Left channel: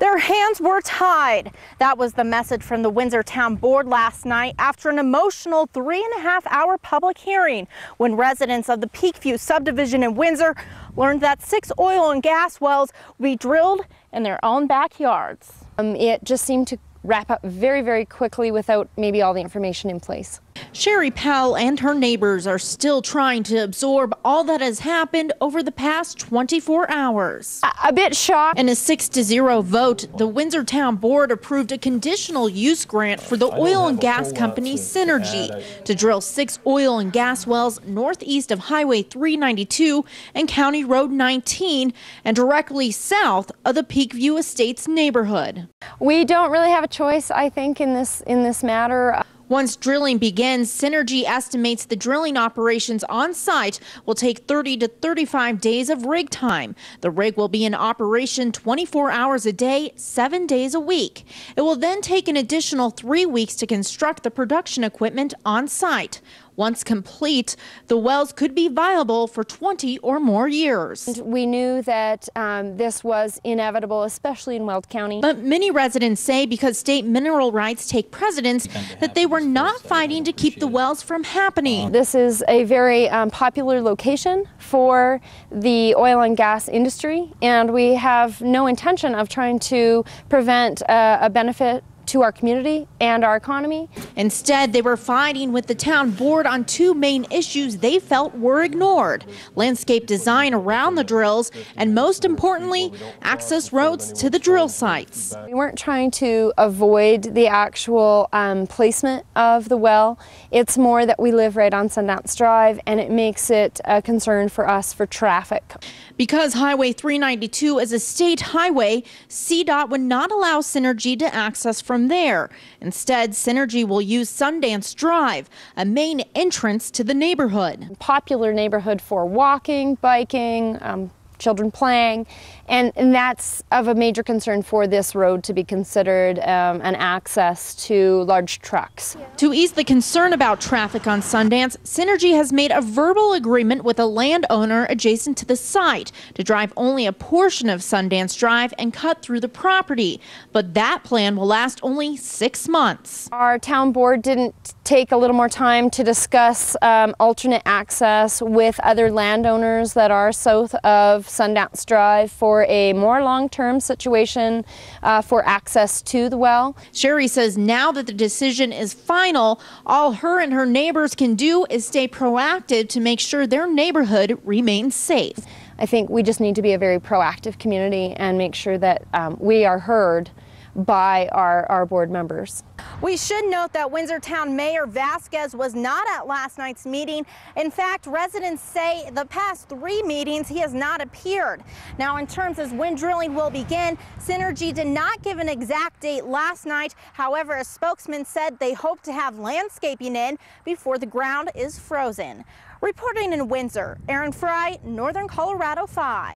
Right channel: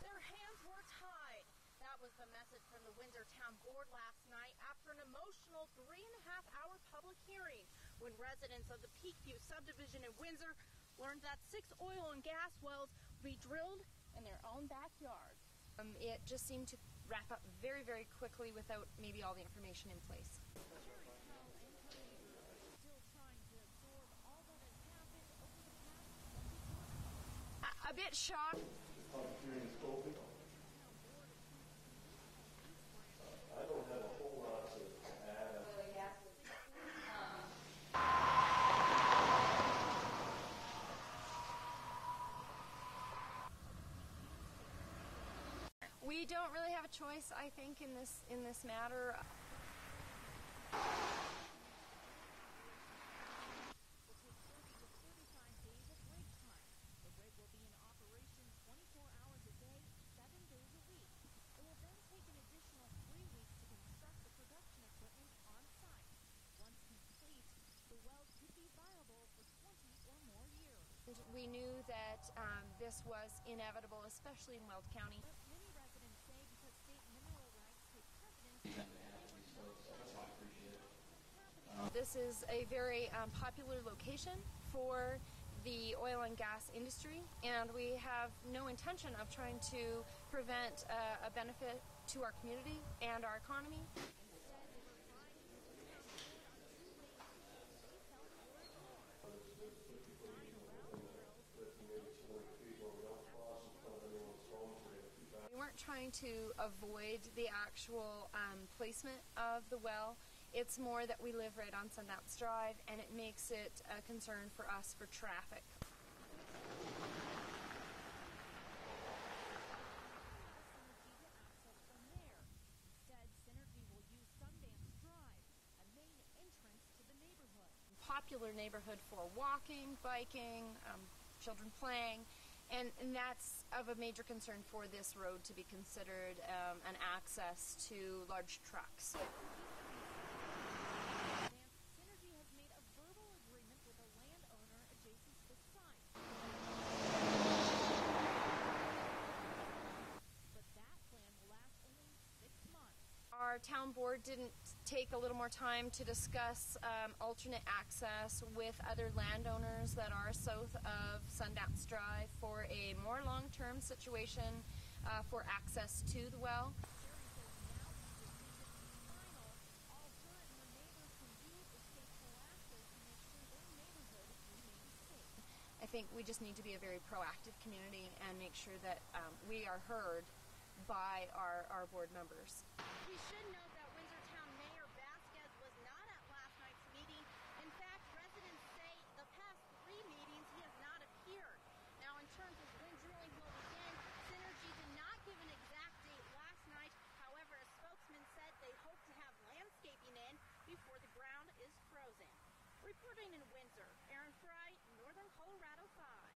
Their hands were tied. That was the message from the Windsor Town Board last night after an emotional 3.5-hour public hearing when residents of the Peakview subdivision in Windsor learned that 6 oil and gas wells will be drilled in their own backyards. It just seemed to wrap up very, very quickly without maybe all the information in place. Sherry Powell and her neighbors are still trying to absorb all that has happened over the past 24 hours. A bit shocked. In a 6-0 vote, the Windsor Town Board approved a conditional use grant for the oil and gas company Synergy to drill 6 oil and gas wells northeast of Highway 392 and County Road 19 and directly south of the Peakview Estates neighborhood. We don't really have a choice, I think, in this matter. Once drilling begins, Synergy estimates the drilling operations on site will take 30 to 35 days of rig time. The rig will be in operation 24 hours a day, 7 days a week. It will then take an additional 3 weeks to construct the production equipment on site. Once complete, the wells could be viable for 20 or more years. We knew that this was inevitable, especially in Weld County. But many residents say because state mineral rights take precedence, that they were not fighting to keep the wells from happening. This is a very popular location for the oil and gas industry, and we have no intention of trying to prevent a benefit to our community and our economy. Instead, they were fighting with the town board on 2 main issues they felt were ignored: landscape design around the drills, and most importantly, access roads to the drill sites. We weren't trying to avoid the actual placement of the well. It's more that we live right on Sundance Drive, and it makes it a concern for us for traffic. Because Highway 392 is a state highway, CDOT would not allow Synergy to access from there. Instead, Synergy will use Sundance Drive, a main entrance to the neighborhood. Popular neighborhood for walking, biking, children playing, and that's of a major concern for this road to be considered an access to large trucks. To ease the concern about traffic on Sundance, Synergy has made a verbal agreement with a landowner adjacent to the site to drive only a portion of Sundance Drive and cut through the property. But that plan will last only 6 months. Our town board didn't take a little more time to discuss alternate access with other landowners that are south of Sundance Drive for a more long-term situation for access to the well. Sherry says now that the decision is final, all her and her neighbors can do is stay proactive to make sure their neighborhood remains safe. I think we just need to be a very proactive community and make sure that we are heard by our board members. We should note that Windsor Town Mayor Vasquez was not at last night's meeting. In fact, residents say the past 3 meetings he has not appeared. Now, in terms of when drilling will begin, Synergy did not give an exact date last night. However, a spokesman said they hope to have landscaping in before the ground is frozen. Reporting in Windsor, Aaron Fry, Northern Colorado 5.